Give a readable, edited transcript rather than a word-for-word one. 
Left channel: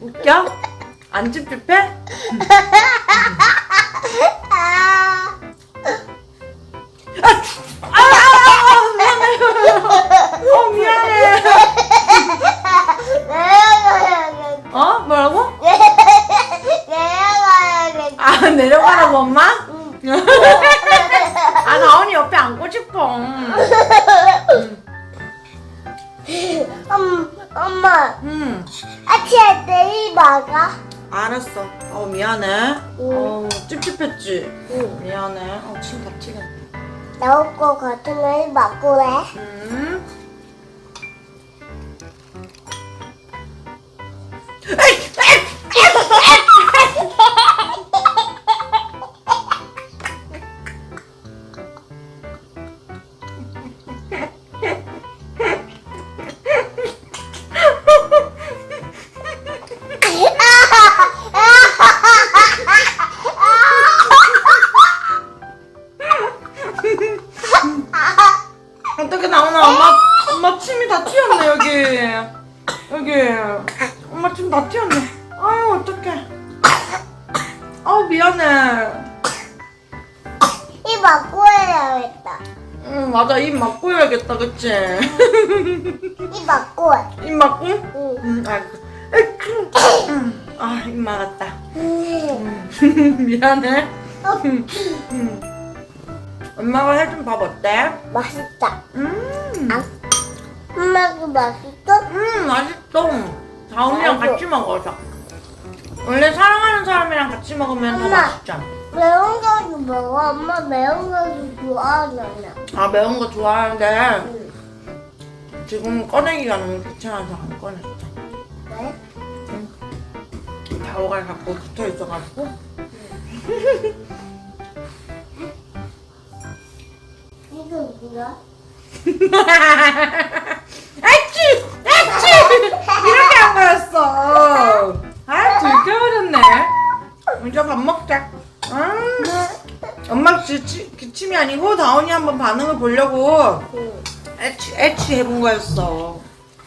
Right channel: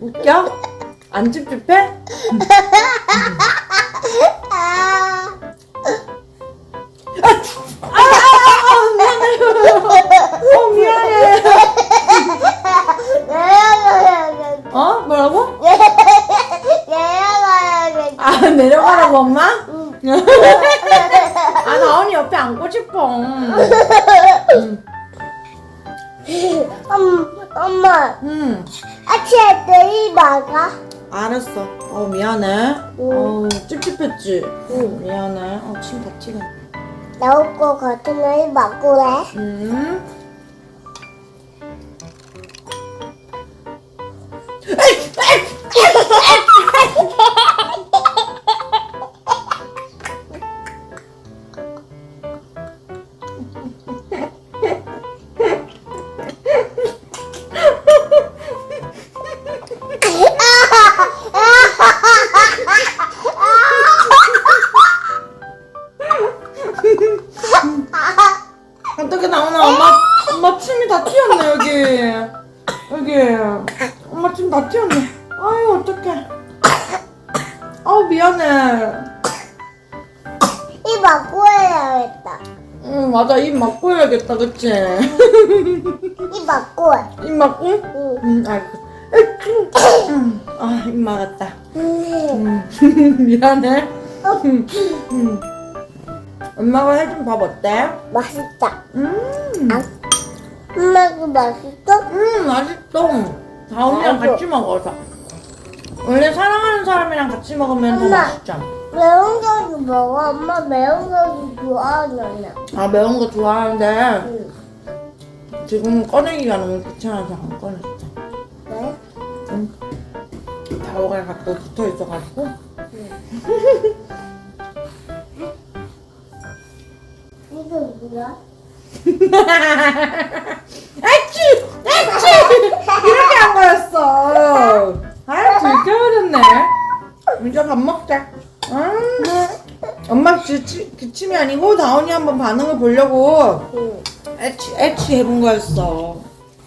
웃겨? 안 찝찝해? 미안해. 어? 뭐라고? 아, 내려가라고 엄마? 아, 나온이 옆에 앉고 싶어. 엄마, 응. 아침에 내일 먹어? 알았어. 미안해. 찝찝했지? 응. 미안해. 침 다 튀네. 나올 거 같은 내일 먹으래. 어떻게 나오나? 엄마 침이 다 튀었네, 여기. 엄마 침 다 튀었네. 아유, 어떡해. 미안해. 이 먹고 해야겠다. 응, 맞아. 입 막고 해야겠다, 그치? 이 먹고 해. 입 막고? 응. 아이고. 입 막았다. 응. 미안해. 엄마가 해준 밥 어때? 맛있다. 음, 엄마도 맛있어? 맛있어. 다운이랑 아이고. 같이 먹어서. 원래 사랑하는 사람이랑 같이 먹으면 더 엄마. 맛있잖아. 매운 거도 먹어. 엄마 매운 거도 좋아하잖아. 아, 매운 거 좋아하는데 응. 지금 꺼내기가 너무 귀찮아서 안 꺼냈어. 왜? 다오가 자꾸 붙어 있어가지고. 이거 뭐야? 아치! 이렇게 한 거였어. 들켜버렸네. 이제 밥 먹자. 엄마 기침이 아니고 다온이 한번 반응을 보려고 응. 애치 해본 거였어.